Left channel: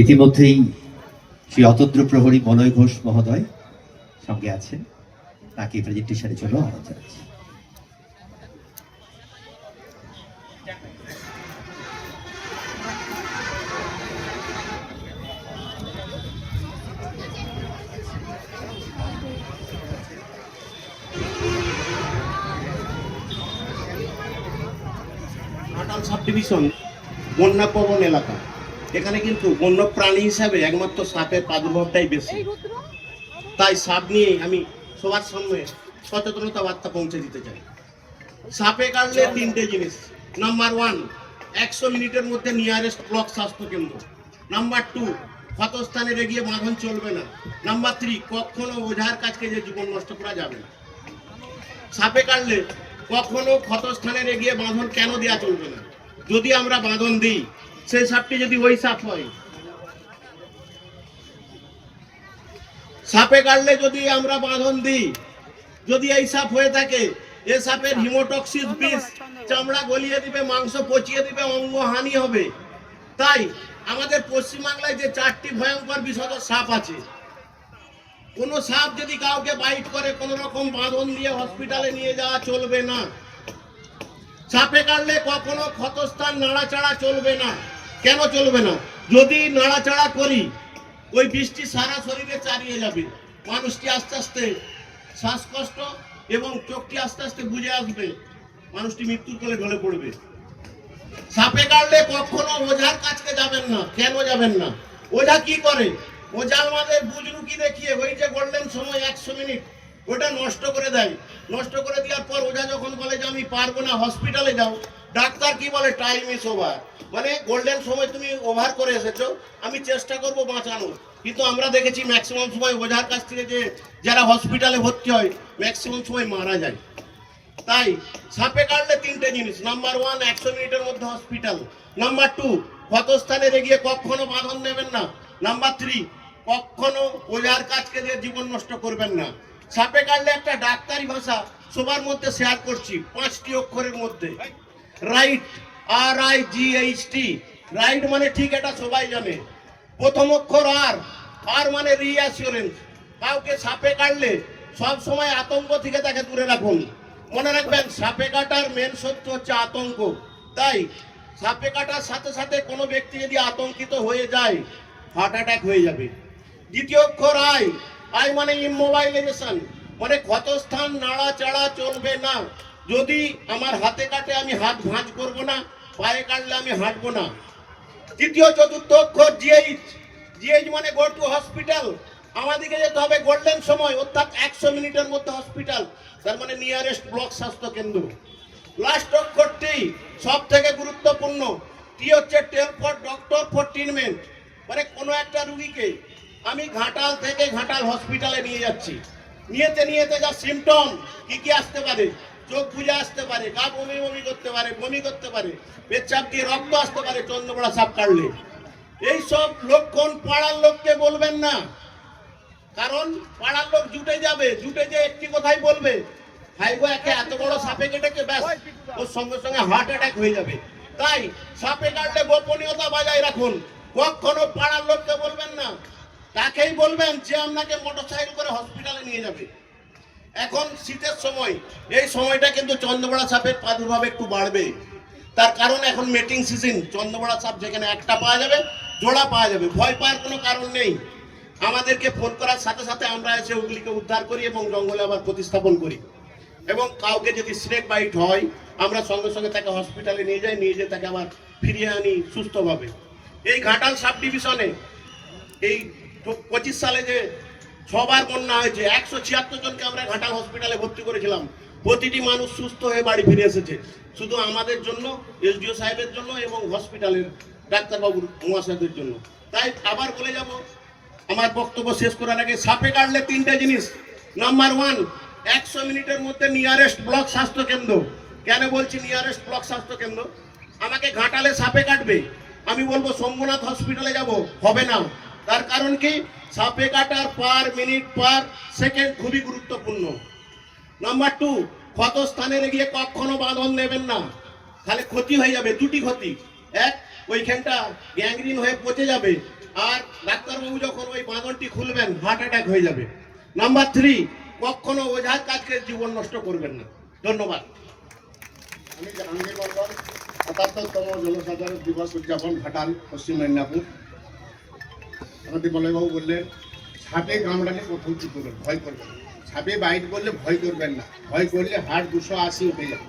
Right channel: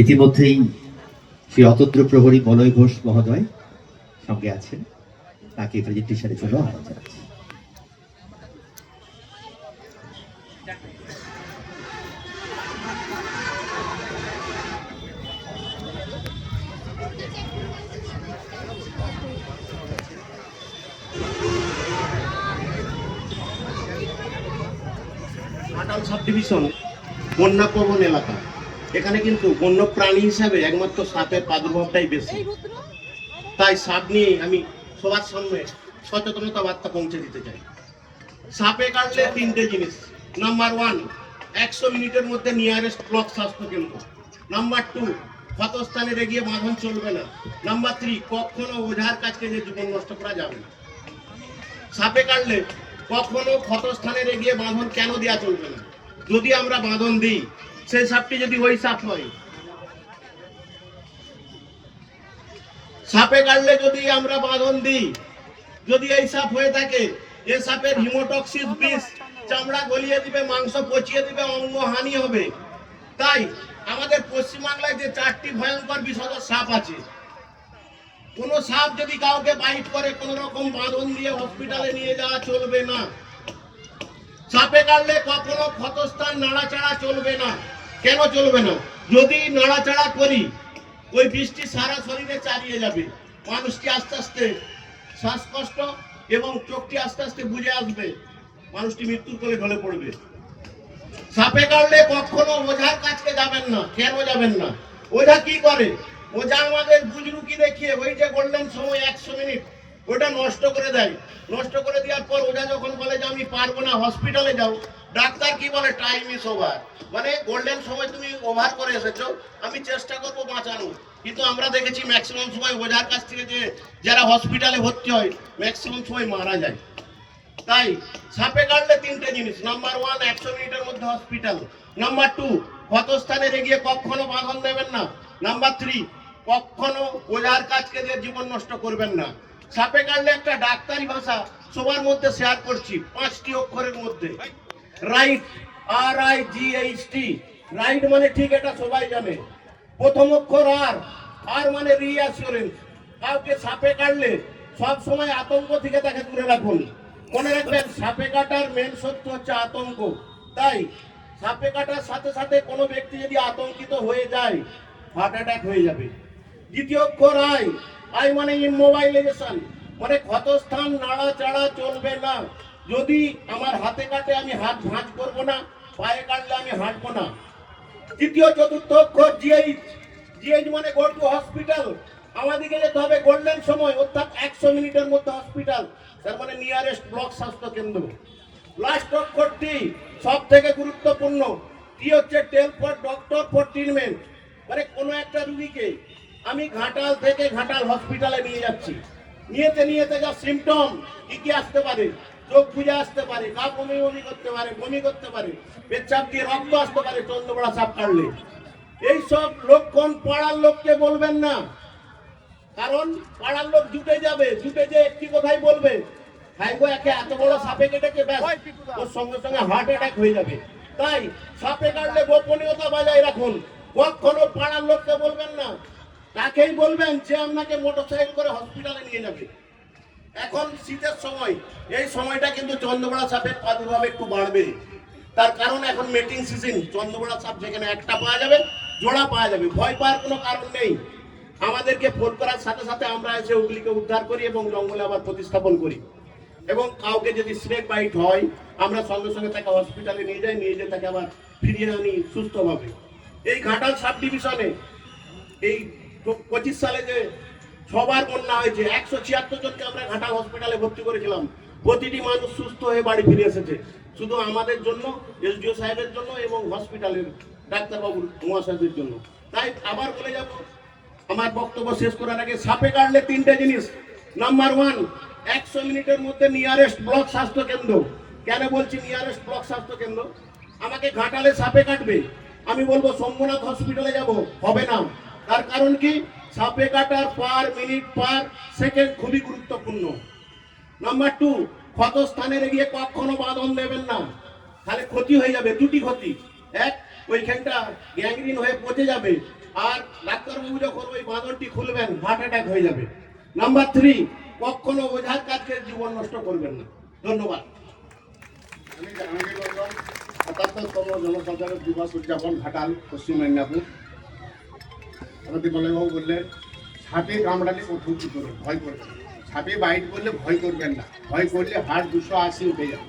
ইতিমধ্যেই শ্রী অতন্ত্র প্রহরী মলয় ঘোষ মহোদয় সঙ্গে আছেন, তাকে প্রেজেন্টেশনের জন্য আহ্বান জানাচ্ছি। ঘাটাল সাব ডিভিশন বন্যা প্রবণ এলাকা। এখানে কিন্তু বন্য প্রাণী হিসাবে একমাত্র সাপের প্রাদুর্ভাবটাই বেশি। তাই সাপ নিয়ে আমি সবার সামনে সচেতনতা বার্তা পৌঁছে দিতে চাই। সাপে কাটলে তিনটে জিনিস। নাম্বার 1, 100 মিনিটের মধ্যে নিয়ারেস্ট ব্লক স্বাস্থ্য কেন্দ্র। নাম্বার 2, ক্ষতস্থানে রেগিয়ে বাঁধন চলবে না। নাম্বার 3, কখনো ওঝার কাছকে যে জীবন নষ্ট করা যাবে না। সাপে কাটলে কখনো ক্ষতস্থানে রেগিয়ে বাঁধন কেন দেওয়া চলবে না? যদি আমরা বাঁধন দিই, সেই সাপটি যদি ওই সাপ হয়, সাপে কাটলে যদি আমরা বাঁধন দিই, যদি এই সাপ হয়ে থাকে, এই সাপের হিমোটক্সিস বিষ চামড়া গলিয়ে দিবে, মাংস পচিয়ে দিবে, অঙ্গহানি হবে। তাই আমাদের পশ্চিমবাংলায় যে 4টি ভয়ঙ্কর বিষধর সাপ আছে, কোন সাপ যদি কাউকে বাইট করে কোনো রকম বাঁধন দিয়ে হসপিটালে নিয়ে যাওয়া চলবে না। সাপে কাটলে কখনো ক্ষতস্থান নাড়াচাড়া চলবে না। কেন চলবে না? যদি নাড়াচাড়া করি, ওই বৃষ্টি সারা শরীরে চালিয়ে যাবে, মানুষটি আস্তে আস্তে শ্বাসকষ্ট এবং চোখটি আস্তে আস্তে বুঝে আসবে, মানুষটি মৃত্যুর কোলে ঢলে পড়বে। সাপে কাটলে কখনো ওঝার কাছে যাবেন না। কেন যাবেন না? ওঝা কি করে? ওঝা আমাদের বুজরুকি দেখিয়ে ওই যে গোল্ডেন সময় 100 মিনিট, ওটা নষ্ট করে দেয়। নষ্ট করে দেওয়ার পর ওঝা যখন বলে যে আমি পারবো না, হসপিটালে যাও, ডাক্তার কি বলে? Time is over. মানে গোল্ডেন সময় তুমি ওভার করে এসেছো, আমি চেষ্টা করবো বাঁচানোর। কিন্তু আমরা দেখেছি ম্যাক্সিমাম সময় ওঝার কাছ থেকে যে যারা হসপিটালে ভর্তি হয়, ম্যাক্সিমাম সময় মারা যায়। তাই সাপে কাটলে তিনটে জিনিস। নাম্বার 1, 100 মিনিটের মধ্যে হসপিটাল। নাম্বার 2, ক্ষতস্থানে রেগিয়ে কখনো বাঁধন দেবেন না। নাম্বার 3, কখনো ওঝার কাছকে দিয়ে জীবন নষ্ট করবেন না। সাপে কাটলে একটা ডাক্তারি ভাষা সবার মধ্যে শেয়ার করছি, 5টি অক্ষরের মধ্যে। Right, RIGHT। রাইট মানে ঠিক, এটা সবাই জানে। প্রথম অক্ষর আর মানে রিঅ্যাসিওরেন্স। কাউকে সাপে কাটলে সব সময় আতঙ্ক থেকে তাকে দূরে রাখুন। মনে রাখবেন, সাপে কাটার মেন সত্য হচ্ছে আতঙ্ক। তাই সাপে কাটার সাথে সাথে কোনো ব্যক্তি যদি আতঙ্কিত হয়ে যায়, হার্ট অ্যাটাক হয়ে যাবে। দ্বিতীয় অক্ষর আই মানে ইমোবাইলাইজেশন, মানে ক্ষতস্থান নাড়াচাড়া চলবে না। যদি আমার হাতে কাটে আমি হাত ভাঁজ করব না, পায়ে কাটলে আমি হাঁটবো না। তৃতীয় চতুর্থ অক্ষর জিএইচ মানে গো টু হসপিটাল। আমাদেরকে যেতে হবে গোল্ডেন সময়, অর্থাৎ 100 মিনিটের মধ্যে হসপিটাল, তার মানে নিয়ারেস্ট ব্লক স্বাস্থ্য কেন্দ্র। লাস্ট অক্ষরটি সব থেকে গুরুত্বপূর্ণ, কি হচ্ছে? টেল ফর ডক্টর ফর ট্রিটমেন্ট। মানে কোনো একটা রুগীকে আমি ঘাটাল থেকে ঘাটাল হসপিটালে নিয়ে যাচ্ছি, নিয়েতে যা সিমটম কি কি আসতে পারে? চোখ বুঝে আসতে পারে, গা বমি করতে পারে, বমি করতে পারে, পেচ্ছাপ দিয়ে রক্ত আসতে পারে চন্দ্রবড়া সাপ কাটলে। এইসব লক্ষণ পাড়ার লোককে বলবেন না, কারণ পাড়ার লোক জুটে যাবে, জুটে যে একটি কথাই বলবে, ভাইগো একে এত বড় সাপে কেটেছে, ব্যাস ওর সঙ্গে সঙ্গে হার্ট অ্যাটাক হয়ে যাবে। তাই সাপে কাটলে গোপনীয়তা বজায় রাখুন। কখনো পাড়ার লোককে বলবেন না, তাকেই বলবেন যে আপনাকে মোটরসাইকেল করে হসপিটালে নিয়ে যাবে। এখন শীতের সময়, এই সময়টা কিন্তু চন্দ্রবড়া সাপের প্রাদুর্ভাব একটু বাড়বে। তার কারণ এখন মেটিং সিজন, চন্দ্রবড়া সাপ যেখানে একটা পাওয়া যাবে, জোড়া পাওয়া যাবে। ভয় পাওয়ার কোনো কারণ নেই। আমাদেরকে ফোন করার সাথে সাথে আমরা এসে ওগুলিকে উদ্ধার করি এবং জঙ্গলে আবার প্রতিস্থাপন করি। এবং কাউকে যদি স্নেক বাইট হয়, আমরা সঙ্গে সঙ্গে তাকে হসপিটালে নিয়ে যাই, তাকে আবার ফিরিয়ে আনি সুস্থভাবে। এই ঘাটাল সাব ডিভিশনে এই 25 সালে যে 6 বার বন্যা হয়েছে, 176 জনকে আমরা ঘাটাল হসপিটালে ভর্তি করেছিলাম। প্রতিটি মানুষ সুস্থ হয়ে বাড়ি ফিরে এসেছে, শুধু আমাদের জন্য, SDO সাহেবের জন্য এবং হসপিটালের ডাক্তারবাবুর মহাশয়দের জন্য। তাই আবার বলে যাব, আমার বক্তব্য শেষ করার আগে, সাপে কাটলে তিনটে জিনিস। নাম্বার 1, 100 মিনিটের মধ্যে নিয়ারেস্ট ব্লক স্বাস্থ্য কেন্দ্র। কেন বলছি নিয়ারেস্ট ব্লক স্বাস্থ্য কেন্দ্র? আমাকে ঘাটালে সাপে কাটবে, আমি বলবো শম্ভুনাথ হসপিটালে যাব, হবে না। তার কারণ কি? সাপে কাটার পার মিনিট পার সেকেন্ড খুবই গুরুত্বপূর্ণ। নাম্বার 2, ক্ষতস্থানে গিয়ে কখনো বাঁধন নেবেন না, তাহলে ক্ষতি হয়ে যাবে। দুটি ক্ষতি, এক, ওইখানটা গ্যাংগ্রিন হয়ে পচে যাবে, আর ডাক্তারবাবু যখন ওই বাঁধনটি খুলবেন হার্ট অ্যাটাক হয়ে যাবে। নাম্বার 3, কখনো ওঝার কাজকে জীবন নষ্ট করবেন না। ধন্যবাদ। আমি জাহাঙ্গীর মন্ডল, ৭৭তম জনসাধারণ দিবস উদযাপন ঘাটাল, পশ্চিম মেদিনীপুর। আমাদের বলয়বাবু বললেন সাপে কামড়ালে প্রথম কি করবেন? ভয় করবেন না। সাপে বাইট করলে ভয় করবেন না, ভয় করলে হার্ট 280 উঠে যাবে,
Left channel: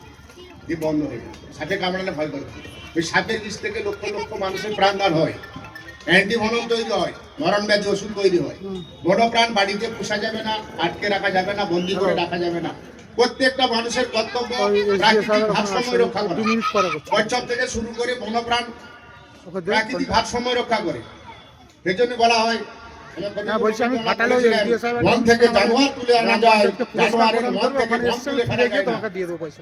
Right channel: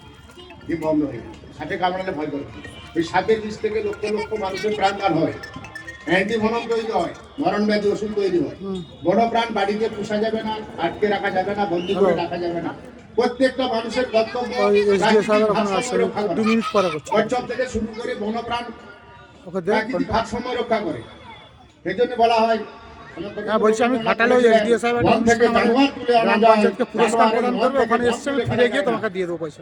দিয়ে বন্ধ হয়ে যাবে। সাপে কামড়ালে ভয় করবেন না। ওই সাপের বিষ থেকে লক্ষ লক্ষ মানুষের প্রাণদান হয়, অ্যান্টিভেনম তৈরি হয়, মরণ ব্যাধি ওষুধ তৈরি হয়। বড় প্রাণ বাড়িতে পোষা যাবে না, আটকে রাখা যাবে না, বন্দি করে রাখা যাবে না। প্রত্যেকটা মানুষের কর্তব্য প্রাকৃতিক ভারসাম্য রক্ষা করা। কচ্ছপ থেকে শুরু করে বনপ্রাণ প্রাকৃতিক ভারসাম্য রক্ষা করে। সেই জন্য বলা হয় বলছি আমি ঘাটালে এসডিও সাহেব বন থেকে জানোয়ার তুলে আনা যায়, পুরস্কার প্রদান করবে, ওখানে এসছে আমি ফিরে গিয়ে তোমাকে দিয়ে দেবো পয়সা।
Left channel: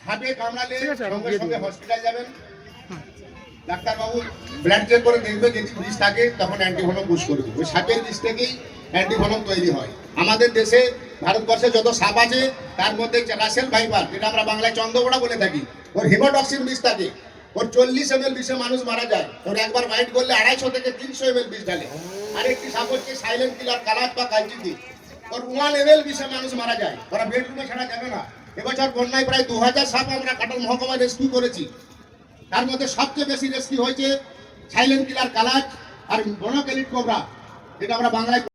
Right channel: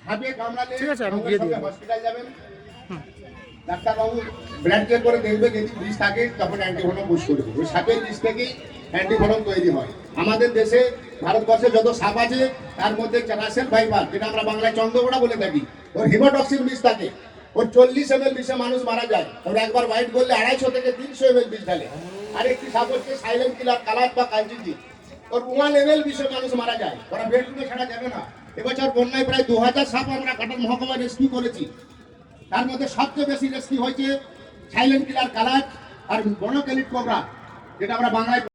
সাপে কামড়ালে ঠিক আছে, আমি সঙ্গে দিয়ে সঙ্গে দেবো। হসপিটাল যাবেন, ডাক্তারবাবু ব্লাড চেক করে দেখবে যদি বিষ থাকে তখন অ্যান্টিভেনম পুশ করবে। ওই সাপের বিষ থেকেই অ্যান্টিভেনম তৈরি হয়। আমাদের দেশে ভারতবর্ষে যত সাপ আছে তার মধ্যে রাসেল ভাইপার, যেটা আমরা বাংলায় চন্দ্রবোড়া বলে থাকি, ওর হিমোটক্সিন বিষ থাকে। ওর 40 ml বিষে মানুষ মারা যায়। ওর একবার বাইট করলে 250 থেকে 300 ml বিষ ঢালে। আরেকটি সাপ হচ্ছে সাইলেন্ট কিলার, কালার বা কালচিতি। ওর 1 ml বিষে মানুষ মারা যায়। ওরা বেডরুমে ছাড়া যাবে না। এবছর বন্যায় প্রায় 2000 সাপ আমরা ঘাটাল মহকুমায় রেস্কিউ করেছি। তার মধ্যে সবচেয়ে বেশি রেস্কিউ হয়েছে সাইলেন্ট কিলার কালাচ আর বনকেলিট কোবরা, যেটা আমরা বাংলায়